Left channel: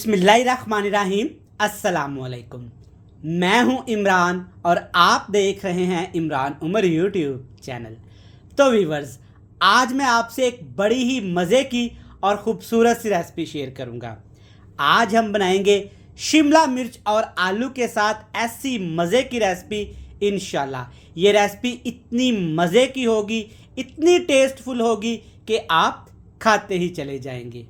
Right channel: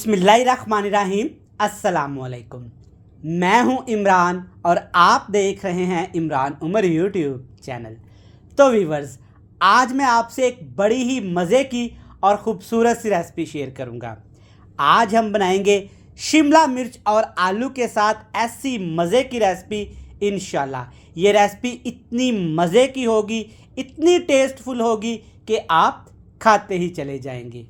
बिस्मिल्लाहिर्रहमानिर्रहीम। अस्सलामुअलैकुम। मैं हूं इमरान और आप देख रहे हैं इमरान उमर यूट्यूब चैनल। तो व्यूवर्स, आज मैं आपसे एक बड़ी ही मज़े की और ख़ूबसूरत सी रेसिपी शेयर करूंगा। आज हम बनाएंगे शिमला मिर्च और आलू के साथ ऐसी मज़े की रेसिपी। इंशाल्लाह ये रेसिपी इतनी मज़े की होगी, इतनी टेस्टफुल होगी कि आप खाते ही चले जाएंगे।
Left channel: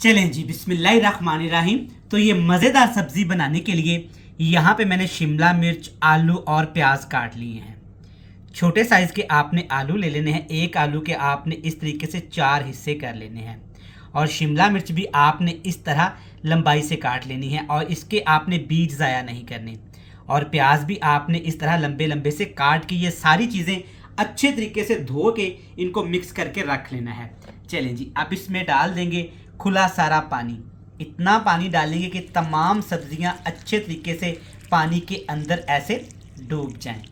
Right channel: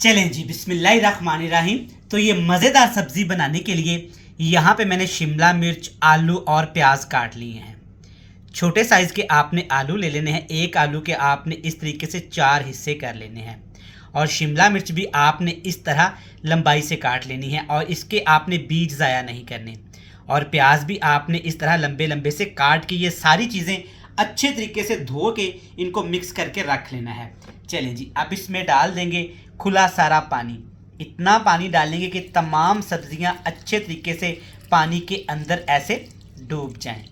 चलें जी, बिस्मिल्लाहिर्रहमानिर्रहीम। तो ये मज़ेदार सब्ज़ी बनाने के लिए यहाँ पे मैंने शिमला मिर्च, आलू और प्याज काट लिए हैं। छोटे साइज़ के आपने आलू ले लेने हैं। एक आलू के आपने इस तरीके से 4 हिस्से कर लेने हैं और शिमला मिर्च भी आपने इस तरह लंबाई से काट लेनी है और इसके आपने बीज ज़ाया नहीं करने। और प्याज भी आपने इस तरह लंबे लंबे से काट के ये सारी चीज़ें अच्छे तरीके से धो के इनको मिक्स करके रख लेना है। चलें जी, अब इसमें डाल देंगे खुला सारा पानी। इतना पानी डालेंगे कि तमाम सब्जियां अच्छे तरीके से पानी के अंदर ऐसे डूब जाएं।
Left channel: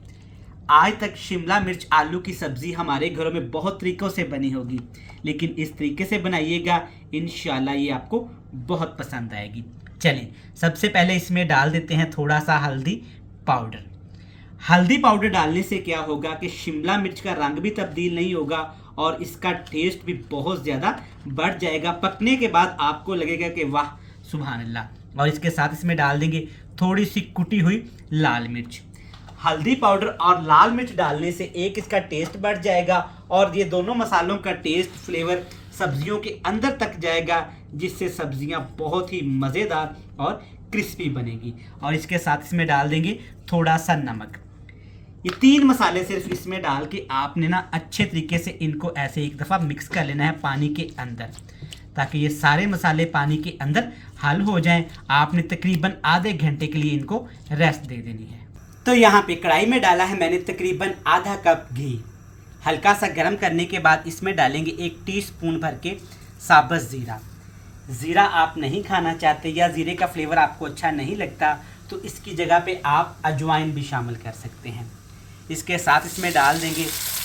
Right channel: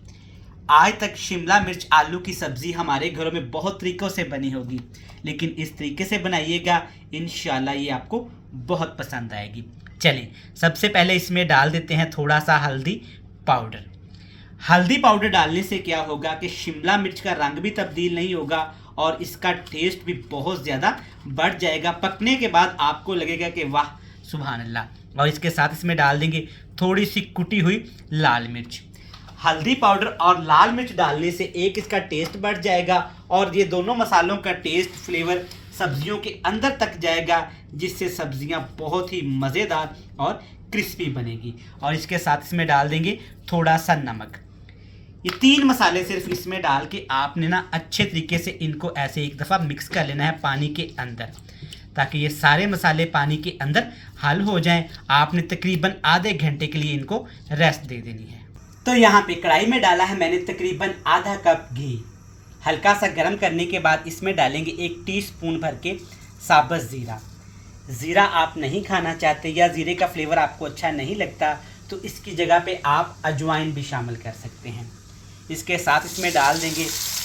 आज तक शिमला मिर्च आलू की सब्ज़ी हमारे घरों में बहुत तरीक़ों से बनी होगी, लेकिन इस तरीके से बनाइएगा, इंशाल्लाह ये आपको बहुत पसंद आएगी। चलें, सबसे पहले इसमें डाल देते हैं थोड़ा सा हल्दी पाउडर। हल्दी पाउडर डालने से क्या होगा कि शिमला मिर्च का रंग भी तब्दील नहीं होगा और इसका टेस्ट भी बहुत ज़्यादा बढ़ जाएगा। पकने के बाद आपको लगेगा कि वाह सुभान अल्लाह। और इसके साथ इसमें डाल देंगे थोड़ी सी कुटी हुई लाल मिर्च। हल्दी पाउडर और लाल मिर्च डालने से एक इसका टेस्ट बढ़ जाएगा और ये दोनों मसालों का टेस्ट फ्लेवर सब्जियों के अंदर तक जाएगा, जिससे सब्जियां बहुत ही मज़ेदार और क्रिस्पी बनेगी। और इसके साथ इसमें डाल देंगे थोड़ा सा नमक। ये 3 मसाले सिर्फ इसमें डाल के आपने ना अच्छे तरीके से इनको ऐसे एक दफ़ा मिक्स कर लेना है पानी के अंदर, ताकि ये सारे मसाले पानी के अंदर हल हो जाएं। आपने तकरीबन आधे घंटे के लिए इनको रेस्ट दे देनी है। तो यहाँ पे कढ़ाई में डाला है मैंने तकरीबन आधा कप घी। हल्का सा गर्म करने के बाद इसमें डालेंगे 1 टीस्पून भर के साबुत ज़ीरा। ज़ीरा आप नहीं खाना चाहते या ज़ीरे का फ्लेवर आपको अच्छा नहीं लगता तो इसकी जगह पे आप अजवाइन भी शामिल कर सकते हैं। इसके साथ इसमें डाल देंगे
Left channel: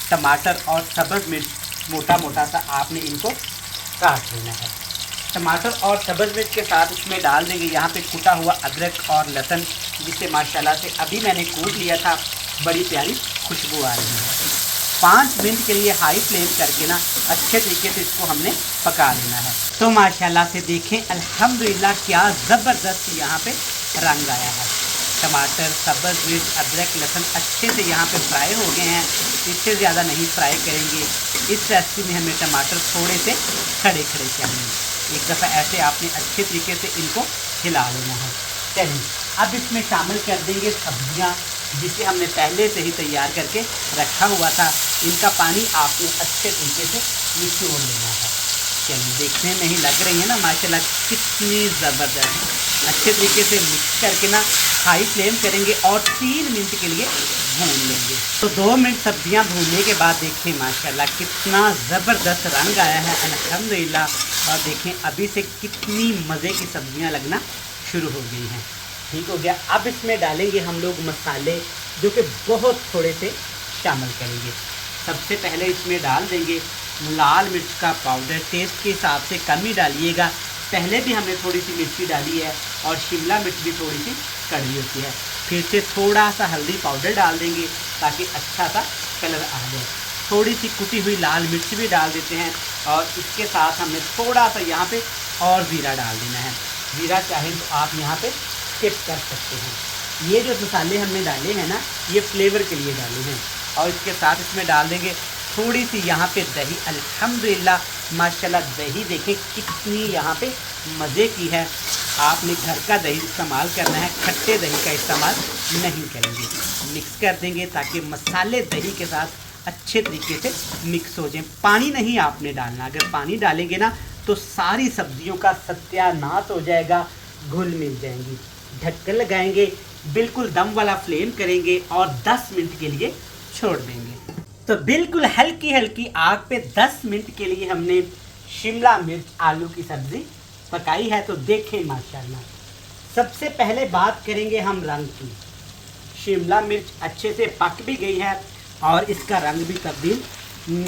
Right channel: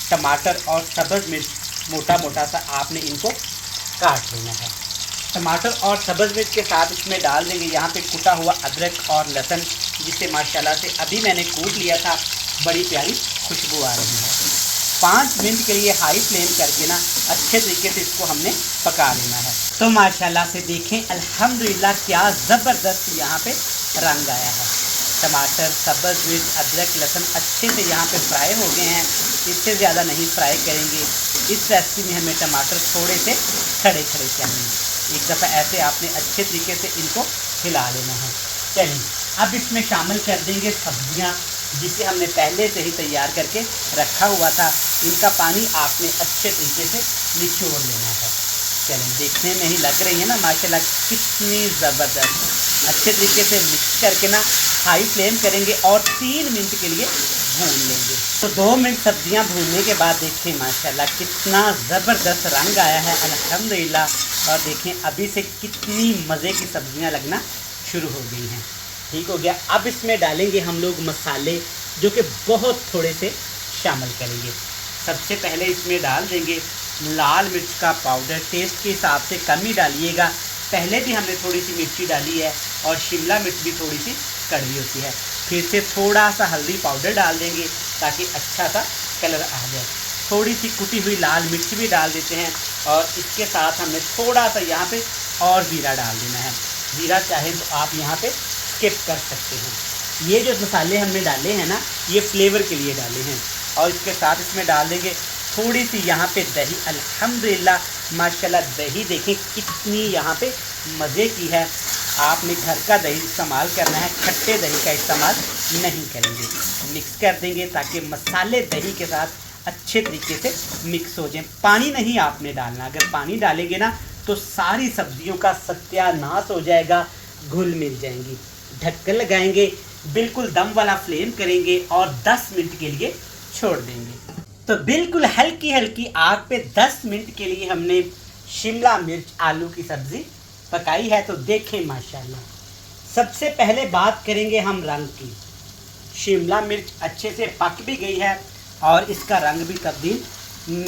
टमाटर और सब्ज़ मिर्च। मोटा मोटा सा आपने इनको काट लेना है। टमाटर और सब्ज़ मिर्च के साथ इसमें डाल देंगे यहाँ पे कुटा हुआ अदरक और लहसुन, जिसे माशाल्लाह से अभी मैंने कूट लिया था। बड़ी प्यारी खुशबू आ रही है। 5 मिनट के लिए हाई फ्लेम करके ना अच्छे तरीके से इसको हमने पका लेना है। तो माशाल्लाह से देखें, अल्हम्दुलिल्लाह क्या ज़बरदस्त यहाँ पे रंग आया है। टमाटर, सब्ज़ मिर्च, अदरक, लहसुन अच्छे से यहाँ पे फ्राई हो गए हैं। इससे ज़्यादा नहीं फ्राई करेंगे। इस रेसिपी में हमें टमाटर थोड़े से खड़े खड़े चाहिए। एक दफ़ा ऐसे आपने अच्छे तरीके से इनको हिला लेना है। चलिए, अब इसमें शामिल कर देंगे सब्जियाँ, जिसे हमने पहले से ही तैयार करके रखा हुआ था। इनका पानी आपने अच्छे तरीके से निचोड़ लेना है। चलिए, देखने में ही लग रही है ना माशाल्लाह कितनी ज़बरदस्त। अच्छे तरीके से मिक्स करके ना हाई फ्लेम करेंगे और 3 मिनट के लिए भून लेंगे। तो 2 मिनट सब्जियां भूनने के बाद देखें माशाल्लाह कितना ज़बरदस्त रंग आया है, अल्हम्दुलिल्लाह। और देखें अभी से कितनी मज़े की सब्जियां लगना शुरू हो गई हैं। ठीक हो गया। अब इसमें डालेंगे हम लोग मसाले, जो कि बहुत थोड़े से शामिल करेंगे। सबसे पहले इसमें डाल देंगे लाल मिर्च का पाउडर। टेस्ट के हिसाब से कम ही डालिएगा। पहले भी हमने थोड़ी सी मिर्ची डाली है और शिमला मिर्च भी थोड़ी सी कड़वी होती है। फिर से थोड़ा सा हल्दी पाउडर डाल देंगे ताकि अच्छा सा कलर आ जाए। थोड़ी सी कुटी हुई लाल मिर्च भी डाल देते हैं और इसके साथ हमने थोड़ा सा यहाँ पे और ज़ीरा डाल देना है। ज़ीरा चाहे तो आप यहाँ पे स्किप कर सकते हैं। ये जो मसाले हमने डाले हैं ना, ये फ्लेवर के लिए डाले हैं। और इसके साथ इसमें डाल देंगे थोड़ी सी यहाँ पे दही। अल्हम्दुलिल्लाह माशाल्लाह दही देखें कितनी यहाँ पे मज़े की है। आपने घर का दही इस्तेमाल करना है, खट्टे दही का इस्तेमाल नहीं करेंगे। मिक्स कर देंगे ताकि मसाले दही के साथ अच्छे तरीके से मिक्स हो जाएं। पानी नहीं आपने डालना। अगर पानी डालेंगे ना तो सारी सब्जियों का सत्यानाश हो जाएगा, घुल मिल जाएंगी। ढक्कन लगाएंगे, बिल्कुल दम वाला फ्लेम करेंगे और 10 मिनट के लिए छोड़ देंगे। तो बिल्कुल हल्की हल्की आग पे 10 मिनट के लिए हमने शिमला मिर्च आलू की सब्ज़ी पकाई है। तो देखें माशाल्लाह, सबसे पहले बात करेंगे हम रंग की। शिमला मिर्च अच्छे से पक भी गई है और इसका रंग भी तब्दील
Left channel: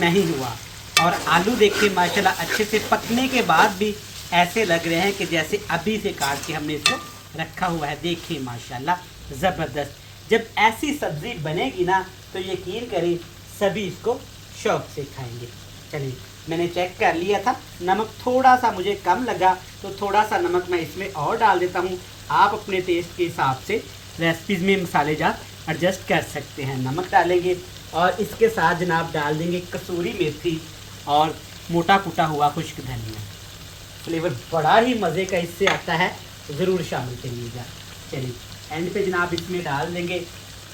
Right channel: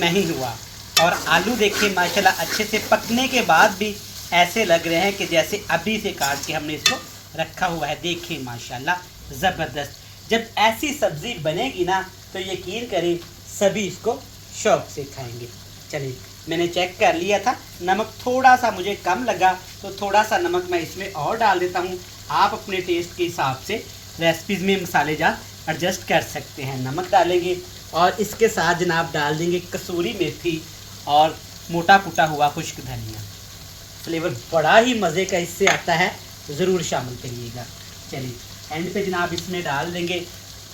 नहीं हुआ। और आलू देखिए माशाल्लाह अच्छे से पकने के बाद भी ऐसे लग रहे हैं कि जैसे अभी से काट के हमने इसको रखा हुआ है। देखिए माशाल्लाह ज़बरदस्त। जब ऐसी सब्ज़ी बनेगी ना तो यकीन करें सभी इसको शौक़ से खाएंगे। चलिए मैंने चेक कर लिया था, नमक थोड़ा सा मुझे कम लगा तो थोड़ा सा नमक मैं इसमें और डाल देता हूँ। आप अपने टेस्ट के हिसाब से रेसिपीज़ में मसाले जार एडजस्ट कर सकते हैं। नमक डालेंगे और इसके साथ जनाब डाल देंगे कसूरी मेथी और मोटा कुटा हुआ खुश्क धनिया। फ्लेवर बड़ा ही मज़े का इससे आता है, ज़रूर शामिल करिएगा। चलिए एंड पे जनाब इसमें डाल देंगे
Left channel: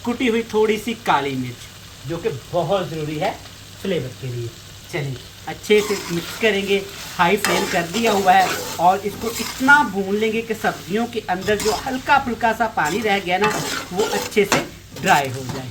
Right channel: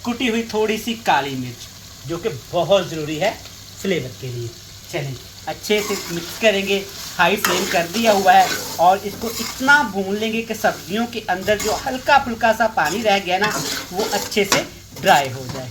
कुटी हुई थोड़ी सी काली मिर्च, जो कि बहुत ज़रूरी है फ्लेवर के लिए। चलिए अच्छे से मिक्स करेंगे, हाई फ्लेम कर दिया हुआ है और इसको इतना भून लेंगे कि सब्जियों के अंदर जो हल्का फुल्का सा पानी रह गया ना वो अच्छे से ड्राई हो जाए।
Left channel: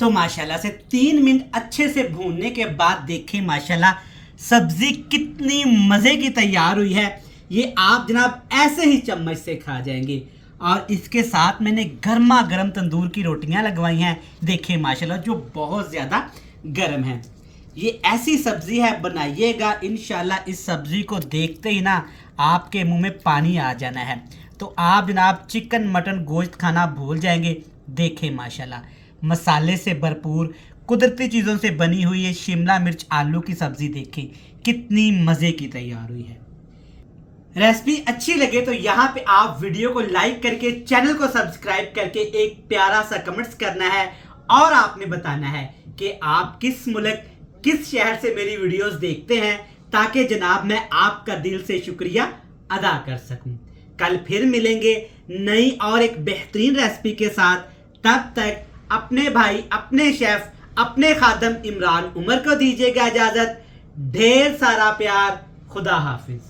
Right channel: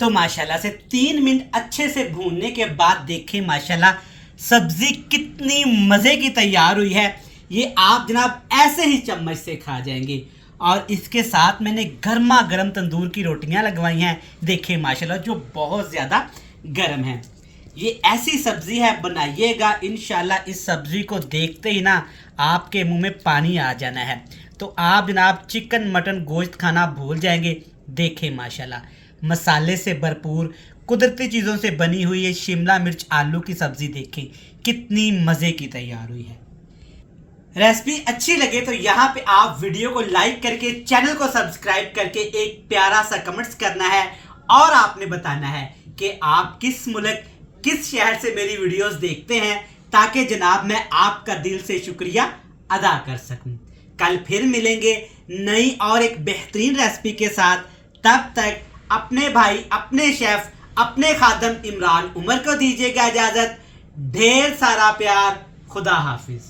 तो माशाल्लाह से 3 मिनट अच्छे से भूनने के बाद देखें माशाल्लाह सब्ज़ी कितनी मज़े की तैयार हुई है। ये आप जनाब ऐसे ही चम्मच से खा जाएंगे। और इसके साथ मैंने गर्मा गर्म तंदूर की रोटियां लगवाई हैं, देखें माशाल्लाह जो बहुत ज़्यादा गर्म है। ये ऐसी सब्ज़ी है, बनाइएगा इंशाल्लाह इस सब्ज़ी को देखते ही ना आपके मुंह में पानी आ जाना है। तो आप जनाब चिकन मटन गोश्त खाना भूल जाएंगे। देखें माशाल्लाह मसाले से भरपूर कुदरती चीज़ों से बनी हुई ये शिमला मिर्च आलू की सब्ज़ी देखें कितनी मज़े की तैयार हुई है। रेसिपी अच्छी लगे तो यहाँ पे आप वीडियो को लाइक करके चैनल को सब्सक्राइब करके एक प्यारा सा कमेंट्स करना है और आपने बताना है कि आप किस मुल्क किस शहर से मेरी वीडियोस देखते हैं, ताकि जनाब मैं आपका दिल से शुक्रिया अदा कर सकूं। कल फिर मिलेंगे नई और एक बेहतरीन रेसिपी के साथ। तब तक अपने भाई अपने शेफ अपने खादम इमरान उमर को दीजिएगा इजाज़त। ढेर सारा प्यार। खुदा हाफिज।